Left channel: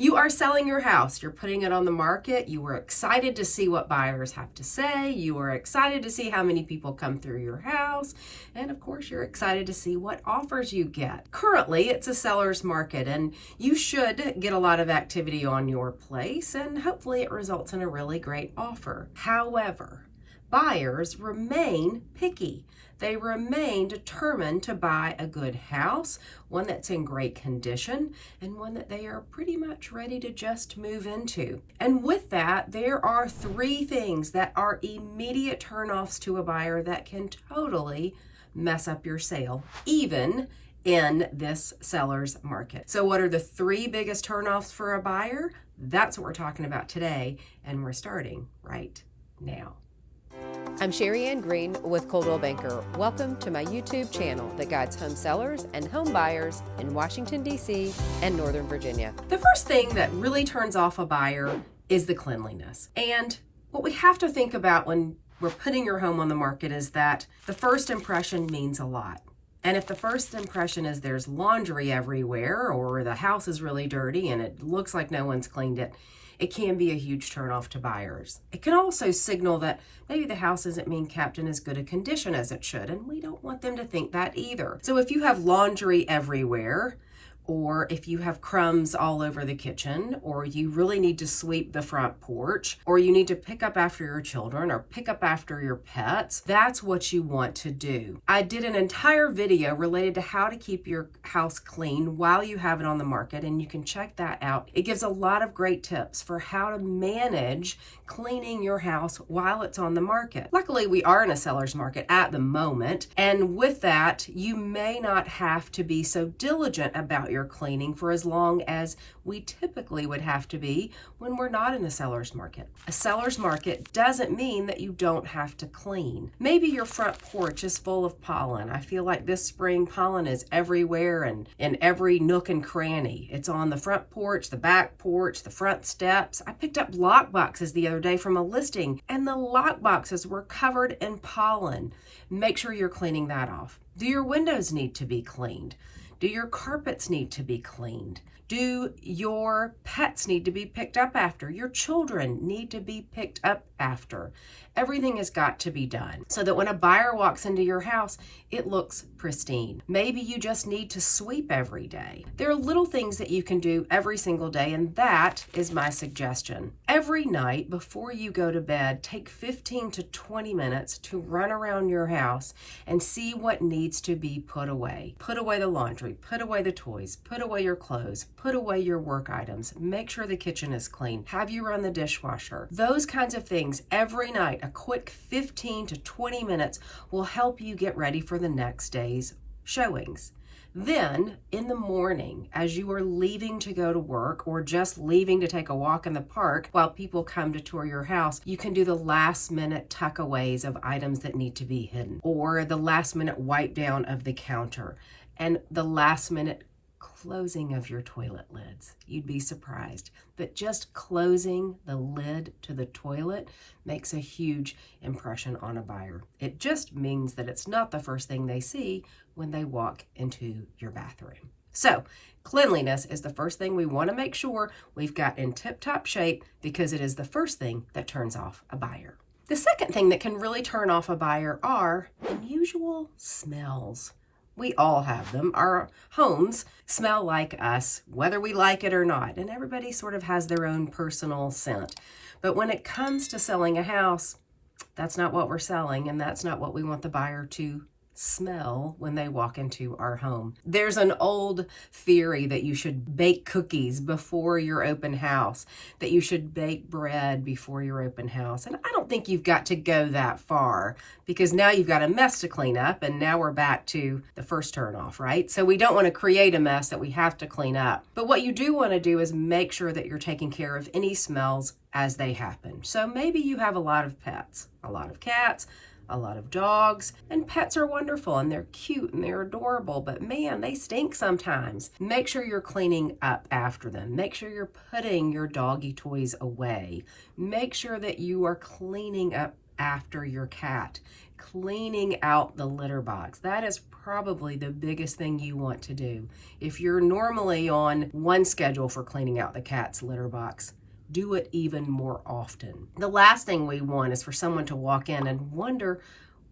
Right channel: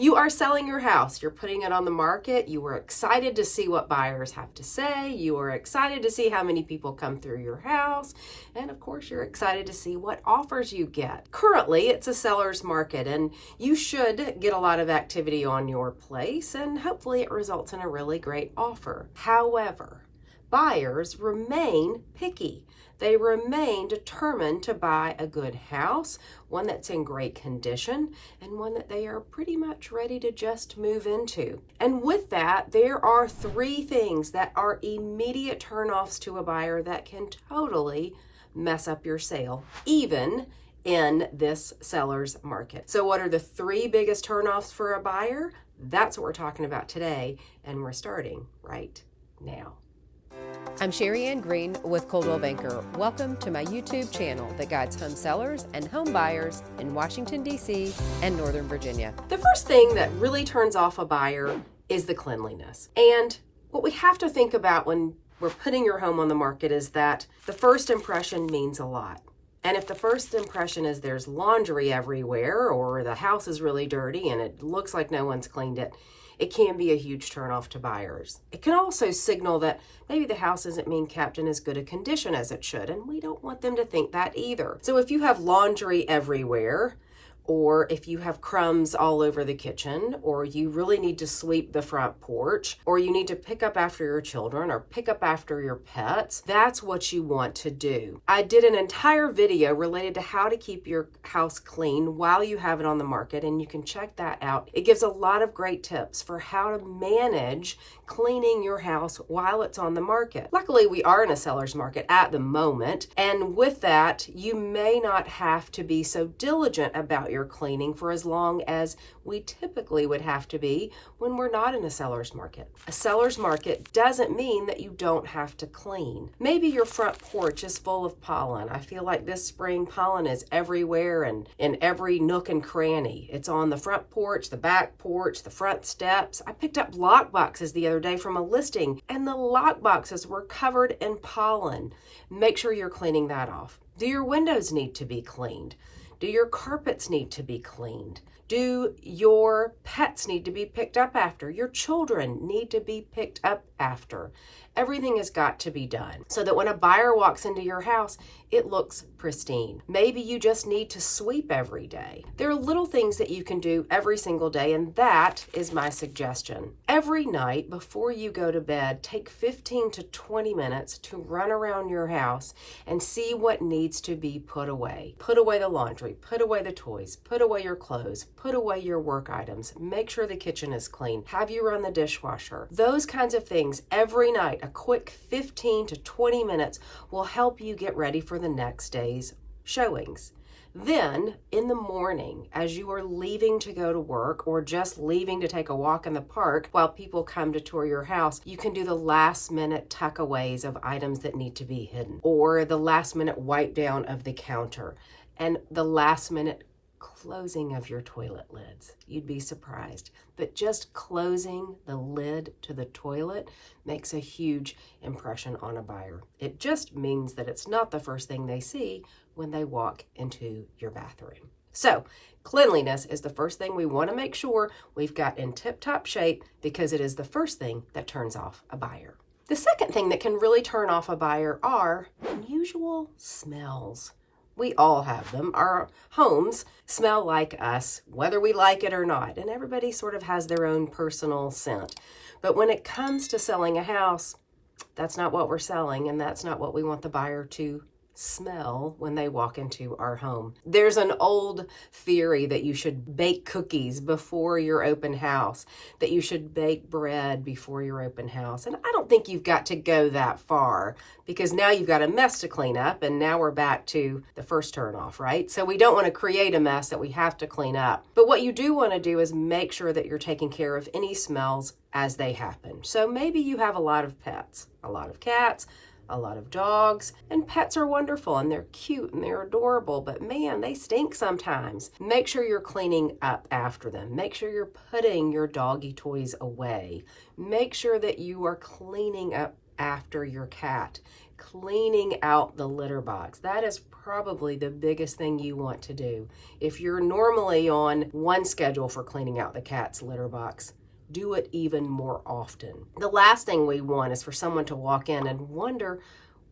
You are selling your house. You're putting it on the market. You are excited to see what buyers have to say. You are excited to see how many people come through your house. And of course, you're excited to see what offers you get. Currently, it's a seller's market, and you should get a lot of activity on your place, and hopefully it results in a really great offer. However, buyers remain picky. They remain determined to buy a good house, one that's in great condition, and one that they are pretty much ready to just move into. And with that, there are 3 things that are immediate turnoffs to a buyer that can totally mess up your sale, even in this seller's market. So what are the 3 biggest turnoffs for a buyer? That's what we're talking about today, and we're starting right now. I'm Sherri Ann Green with Coldwell Banker. Welcome to my YouTube channel that guides home sellers and home buyers in Washington, D.C. and Northern Virginia. The first thing that really turns off a buyer is the cleanliness. And what we have to think about when we're putting your home on the market is that the first impression means a lot. And if the first impression is there's laundry everywhere, or the house is really dirty and it looks like no one's cleaned it, it can be a huge turnoff to buyers. It can also signal that maybe the house isn't being kept in as good a condition as it should, and we don't want them to think that either. So if you have laundry everywhere, or if you have crumbs all over the kitchen, or you really need to sweep the front porch, or you need to pick up after your children or pick up after your pets, that's what you want to do. I did an entire video related to how to keep your house clean while you have it on the market, and you can check that out. It gives a lot of great tips for how to manage cleaning your house while it's on the market. Luckily, we are in a seller's market at the moment, and with that, you may not have to be so diligent about your cleaning for as long as we typically would have to be when we're not in a seller's market. A seller's market doesn't mean that you don't have to clean. Maybe your front porch is full of pollen. I feel like this spring pollen is everywhere and in every nook and cranny. It's on the front porch, the back porch, the front steps. I picked up lock boxes the other day from a listing, and the lock boxes were covered in pollen. Make sure you're cleaning that off. Do your windows need to be cleaned? Do your carpets need to be cleaned? Do your pets need to be picked up after? Your children need to be picked up after. Everything has got to be done so that when a buyer walks into your house, it looks pristine. Maybe you just need to sweep every day. There are little things that you can do every single day, and that is my suggestion. Every night before you go to bed, take 15 to 20 minutes to run around your house and see what needs to be put away. Put away the laundry, put away the toys, put away your clothes, put away your work items, make sure the kitchen is clean, have you run the dishwasher. Those kinds of things every night. A quick 15 to 20 minutes will help you get ready for the next day's showings. Then in the morning, as you are leaving to go to work or just leaving to take a walk in the park while people come to tour your house, you can do the last minute tuckaways of items that need to be hidden, or the last minute wipe down of the counter, and the last minute closing of your toilet lids. You'd be surprised that just closing the lid to the toilet makes a huge impression on a buyer. It just means that it's not the first thing they see when they walk into your bathroom. So cleanliness is the first thing we want to make sure we've got in tip-top shape, because it is the first thing that turns off a buyer. The second thing that can really turn off a buyer are unusual smells. We all have them. Our homes smell like us, whether we like it or not, and everybody sort of has their own personal scent. But when it comes to selling a house, that's not what we're selling, and that's not what we want the buyer to smell when they walk into our home. There's an old theory that you should bake cookies before your open house, that you should bake bread before your open house. And I don't think you've got to go that far, because now you've got a mess to clean up, and now we're back to the first turnoff, right? So we don't want to create a mess that we have to clean up. But what you do want to do is make sure that you're taking care of any smells as they happen. So maybe you have a lot of pets, a lot of cats, a lot of dogs, and pets are wonderful and they're cute and they're adorable, but man, they stink sometimes. Make sure you're cleaning up after them. Make sure you're putting your doggy toys away. Make sure that you are cleaning up after your cat. cleaning out the litter box. That is probably the biggest thing you want to do. If you're normally on one schedule for cleaning out the cat's litter box, do it even more often. The last thing we want is for someone to walk in and wonder,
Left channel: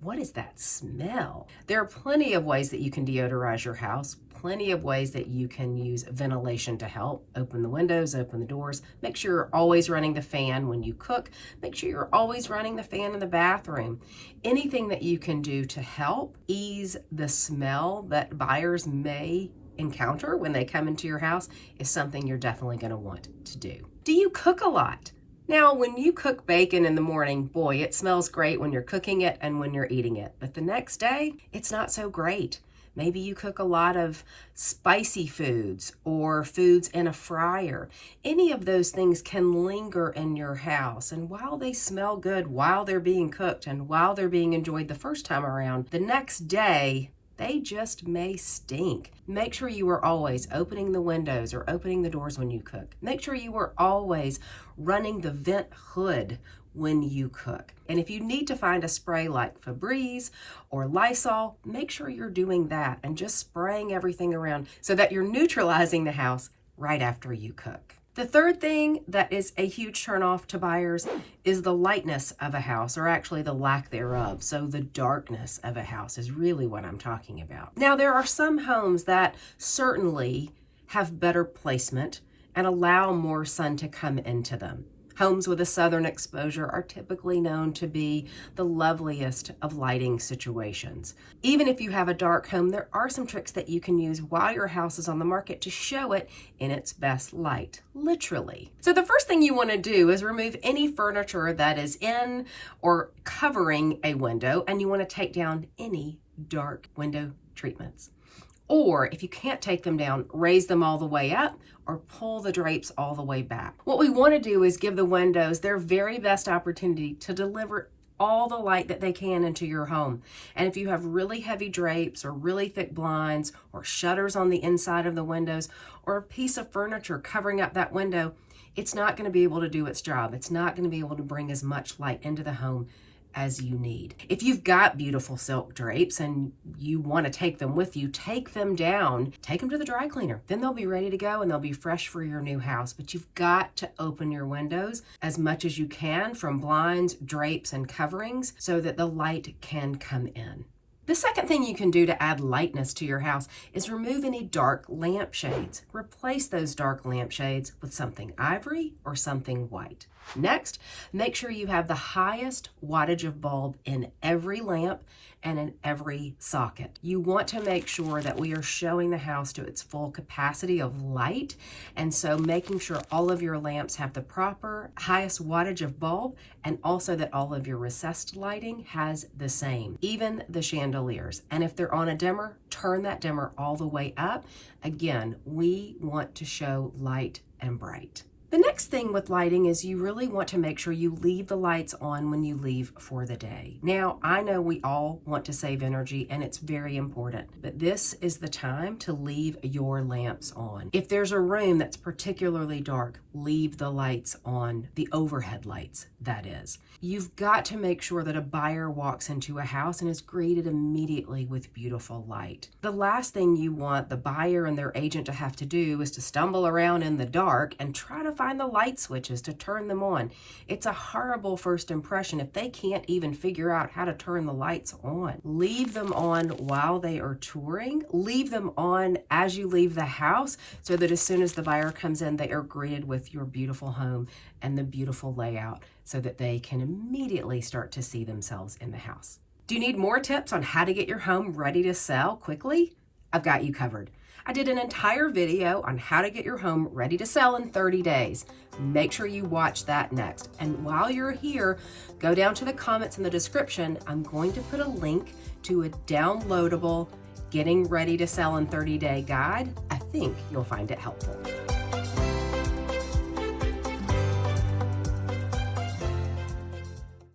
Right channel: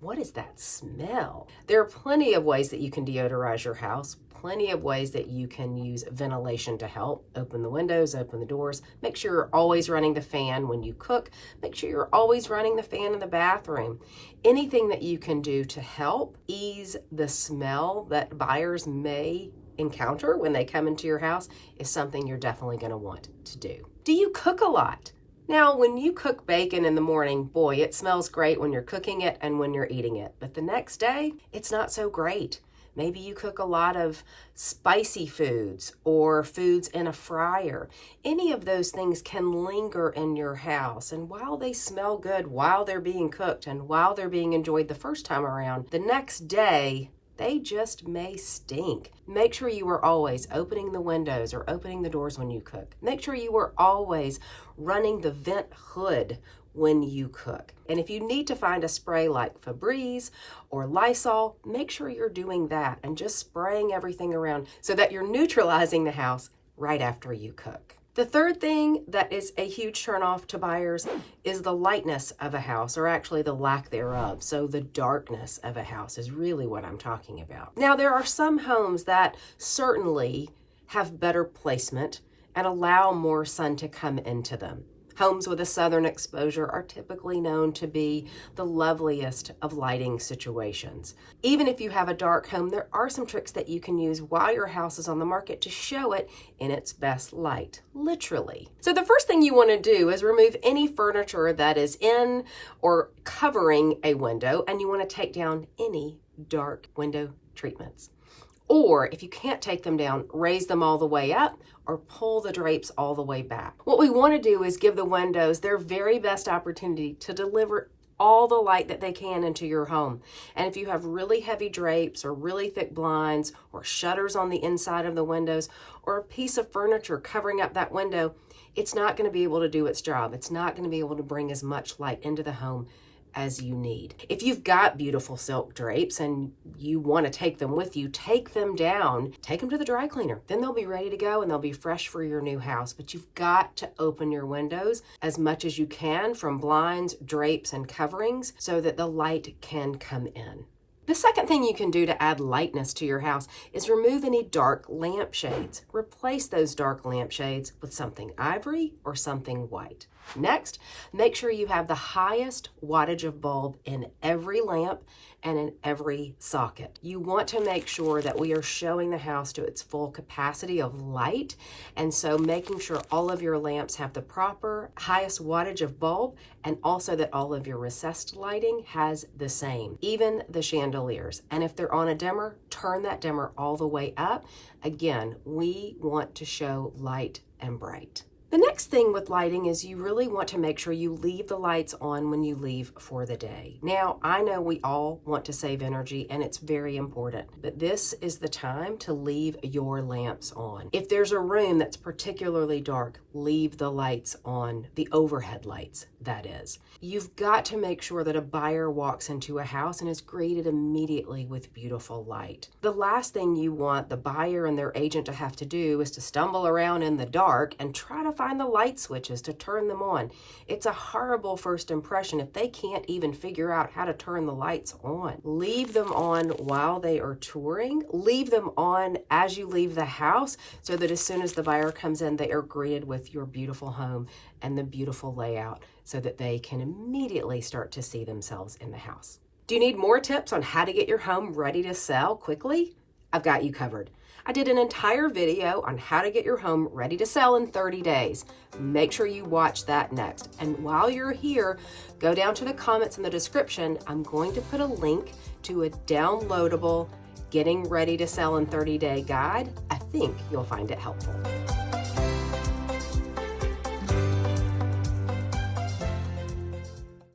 what is that smell? There are plenty of ways that you can deodorize your house, plenty of ways that you can use ventilation to help. Open the windows, open the doors. Make sure you're always running the fan when you cook. Make sure you're always running the fan in the bathroom. Anything that you can do to help ease the smell that buyers may encounter when they come into your house is something you're definitely going to want to do. Do you cook a lot? Now, when you cook bacon in the morning, boy, it smells great when you're cooking it and when you're eating it. But the next day, it's not so great. Maybe you cook a lot of spicy foods or foods in a fryer. Any of those things can linger in your house. And while they smell good, while they're being cooked and while they're being enjoyed the first time around, the next day, they just may stink. Make sure you are always opening the windows or opening the doors when you cook. Make sure you are always running the vent hood when you cook. And if you need to find a spray like Febreze or Lysol, make sure you're doing that and just spraying everything around so that you're neutralizing the house right after you cook. The third thing that is a huge turnoff to buyers is the lightness of a house, or actually the lack thereof. So the darkness of a house is really what I'm talking about. Now, there are some homes that certainly have better placement and allow more sun to come into them. Homes with a southern exposure are typically known to be the loveliest of lighting situations. Even if you have a dark home, there are some tricks that you can use while your house is on the market to show it in its best light, literally. So the first thing you want to do is remove any furniture that is in or covering a window, and you want to take down any dark window treatments. Or if you can't take them down, raise them all the way up or pull the drapes all the way back. What we want to do is give the windows their very best opportunity to deliver all the light that they can into your home. And if you have really heavy drapes or really thick blinds or shutters on the inside of the windows or a piece of furniture covering up that window, it's not going to be able to do its job. It's not going to be able to bring as much light into the home as you need. If you've got beautiful silk drapes and you want to take them with you, take them down, take them to the dry cleaner. Then they'll be ready to go and they'll be fresh for your new house. But you've got to open your windows as much as you can from blinds, drapes, and coverings so that the light can come in. The second thing you can do to add lightness to your house is remove any dark lampshades. Replace those dark lampshades with something ivory or something white. Next, make sure you have the highest wattage of bulb in every lamp and in every socket. You want to make sure that we are showing the house to its full capacity of light, and so making sure all of your lamps have the proper highest wattage of bulb, and also that all of your recessed lighting has the same, even the chandeliers. And if they're on a dimmer, turn that dimmer all the way up. Again, we want to show light and bright. The next thing with lighting is you really want to make sure you leave the lights on when you leave for the day. Now, I know we all want to save energy and it's very important, but this is the time to leave your lamps on. If there's a room that's particularly dark, leave the lights on, the overhead lights, that is. You've got to make sure that a buyer walks into a house and is greeted immediately with beautiful light. The last thing you want the buyer and their agent to have to do is to stumble around in the dark and try to find the light switches to turn them on. It's a horrible first impression if they can't even figure out how to turn the lights on. Leave them on while they are touring. Leave them on as you leave the house so that as soon as the buyer comes in, they are greeted with your beautiful home and the beautiful layout so that they can immediately start to see themselves in the house. Do you need more tips on how to get your home ready to sell quickly? I've got you covered. I did an entire video on how to get your home ready to sell in 30 days. Make sure you watch that next. And while you're here, go down to the comments in the description. I'm going to put a link to a downloadable Getting Ready to Sell in 30 Day guide. I think you'll find it helpful.